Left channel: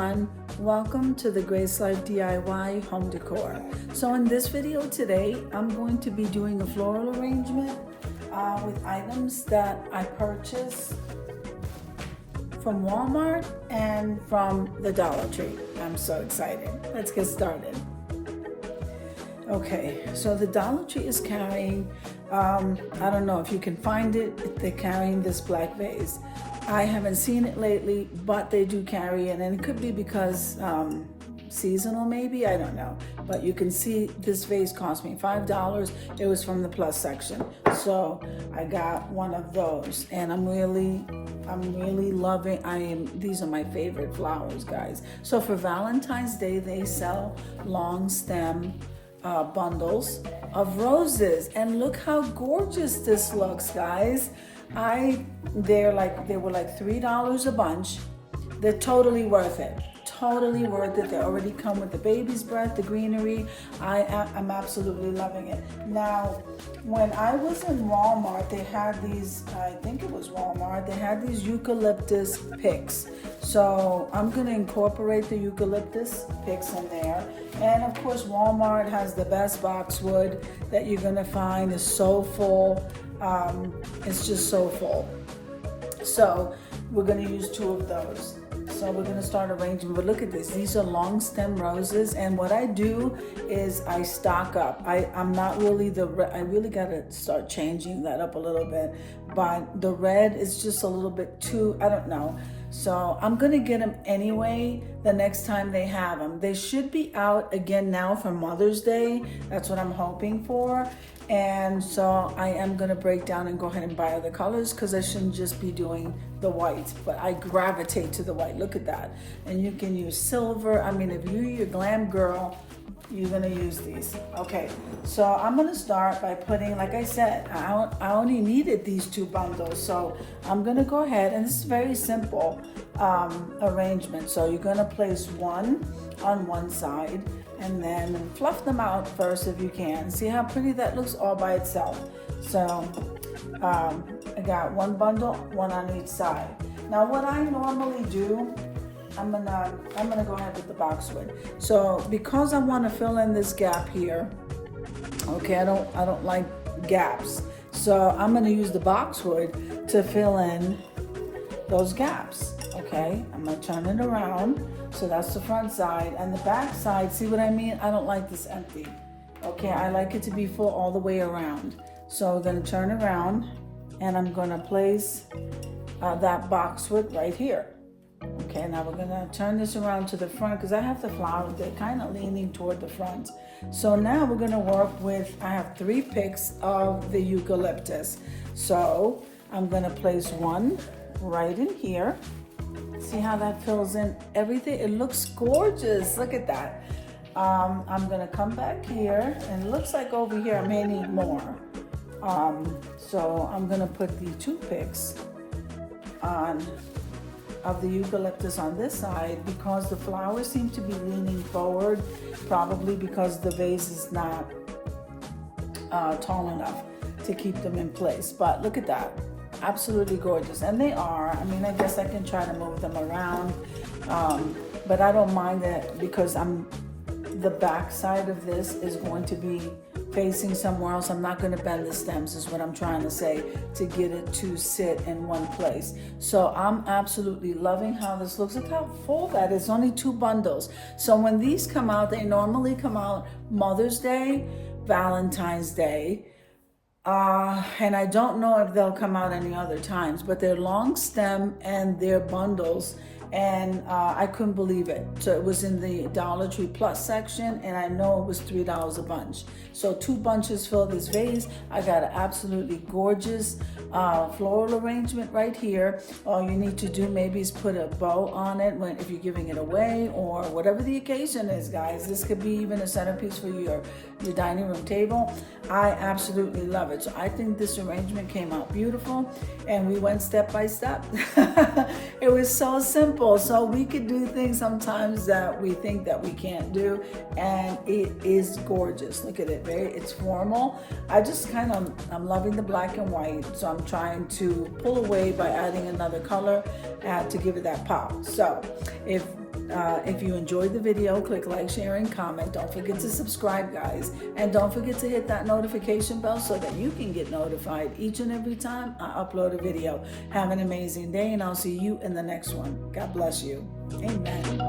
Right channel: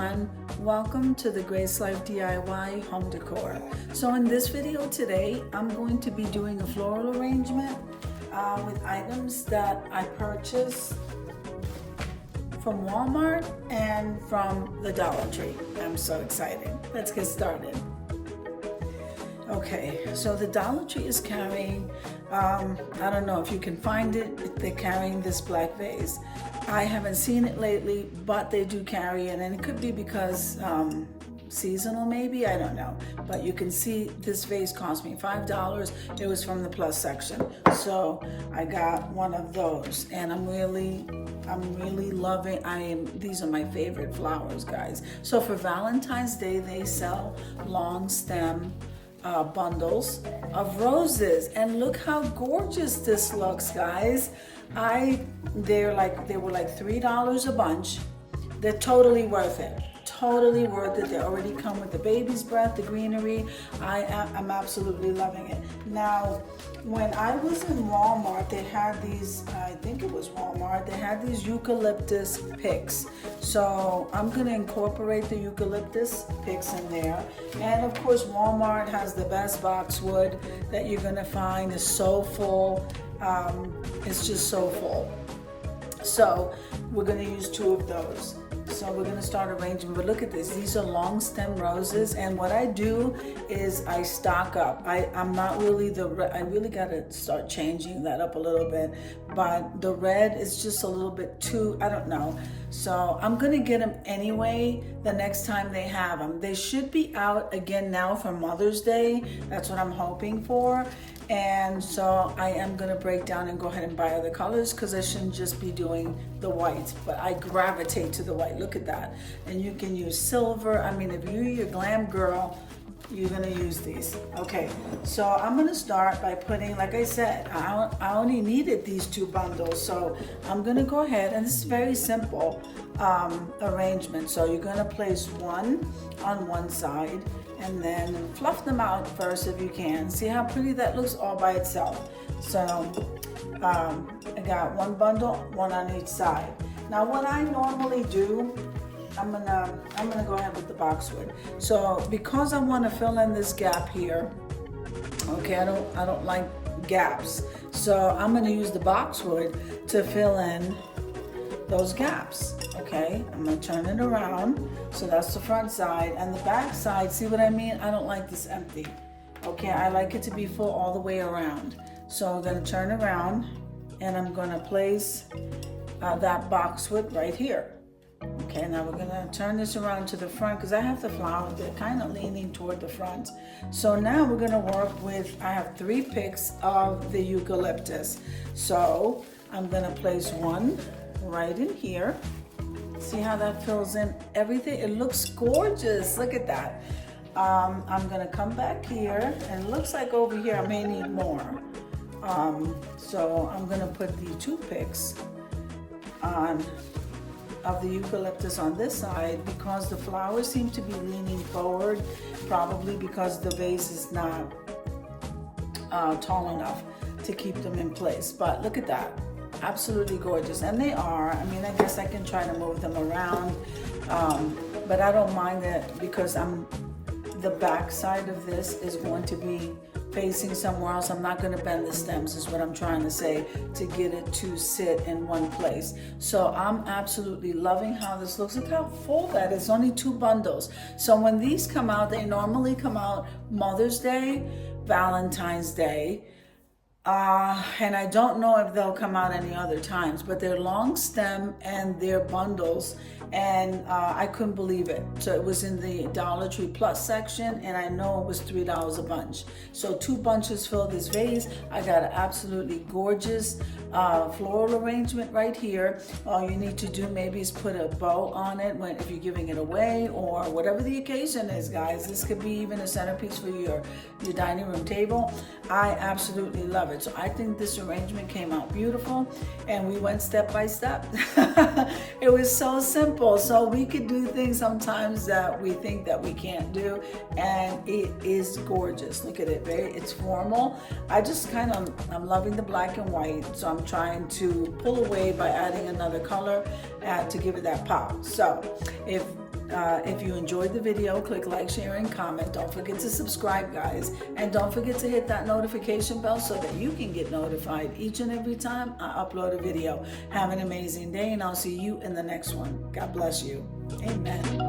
everyone, welcome to the Grace Life DIY home decor. So in this video today, I'm going to be doing a floral arrangement with items that I purchased from Walmart and from the Dollar Tree. I'm so excited. Let's get started. Okay, so the Dollar Tree is carrying, I don't know if you can find it, they're carrying this black vase. I haven't seen it lately, but they do carry it, and it could be because seasonal maybe, I don't know. But you can see this vase cost me $5. It was from the plus section. So I got one of those, and I'm really loving, these are my favorite flowers, guys. So for Valentine's Day, they sell long stem bundles of roses, and look how gorgeous this looks, guys. They were like $3 a bunch. They're totally worth it. Totally worth it. They already come with the baby's breath, the greenery. I'm absolutely loving it. Now, when I was in Walmart, they had these, I think it was Walmart, they had these eucalyptus picks. So I'm gonna incorporate the eucalyptus picks in there. And of course, Walmart has the best boxwood that you're gonna find. It's so full. It's just so full. So we're going to use 2 of those. So we're going to start arranging, but look at this. These are long stem roses, and what I do is I stock up. I'm not really I really got to start changing that up a little bit, but the red is just a little bit too, I don't know. So I'm going to get them anyway the next time they have them. They should be out again now for Mother's Day. That's what I'm hoping for. And so I am going to break down and go ahead and buy other colors, because I shouldn't just be doing the white, but I gravitate to the white. Look at that. And you can use silver. I mean, if you're a glam girl, you're going to use these. Okay, so I'm going to start by putting, like I said, I only needed these 2 bundles. So I'm going to go ahead, and this is very simple arrangement. So you're going to place one on one side, and then fluff them out first if you can. See how pretty that looks all by itself. So I got 1 bundle, 1 on each side. Now what I normally do, I'm gonna go ahead with the boxwood. So because I want to fill in this gap here, okay, I don't like gaps. So I'm gonna use the boxwood to fill in those gaps. Okay, I'm gonna turn it around. So that's the front side, and the back side, see what I mean? I don't like this empty. Okay, I like it to be full all the way around. So we're gonna turn around, and I'm gonna place that boxwood right here. Okay, now we're gonna turn this around to the front, because I have the flowers, they're kind of leaning toward the front. So now we're gonna work with, I have 3 picks of the eucalyptus. So I'm gonna place 1 right in here. See how that fills in everything? It looks gorgeous. Look at that. I'm gonna come back here, and it looks like over here I may need more. So I'm gonna put the 2 picks on of the eucalyptus on this side, because the flowers seem to be leaning forward, probably because the vase is not tall enough to keep them in place. But look at that. Absolutely gorgeous, and they are. I mean, I guess I can try to move them around, but I don't mind that, because the back side of this is going to be facing somewhere else. I'm not going to bend the stems, is what I'm trying to say, to get it to sit in one place. So I'm absolutely loving how this looks. Look how full that is. Only 2 bundles. So when these come out, they normally come out Mother's Day, Valentine's Day, and I don't know if they'll come out any other times, but they're long stem and they're bundles, and I couldn't believe it. So it was in the Dollar Tree Plus section, and I know it was $3 a bunch. So 2 bunches fill this vase. I got an absolutely gorgeous floral arrangement right here. All you need to do maybe is put a bow on it if you're giving it away, or whatever the occasion is, guys. This could be even a centerpiece for your dining room table. I absolutely love it. So I think this arrangement came out beautiful, and we went step by step. It was so simple. So we could do things sometimes that we think that we can't do, and it is gorgeous. Look at it, it's formal. I'm loving the black and white, so I'm trying to pull away by adding another color to give it that pop. So if If you enjoyed the video, click like, share, and comment. Don't forget to subscribe, guys. And don't forget to hit that notification bell so that you can get notified each and every time I upload a video. Have an amazing day, and I'll see you in the next one. God bless you. Amen.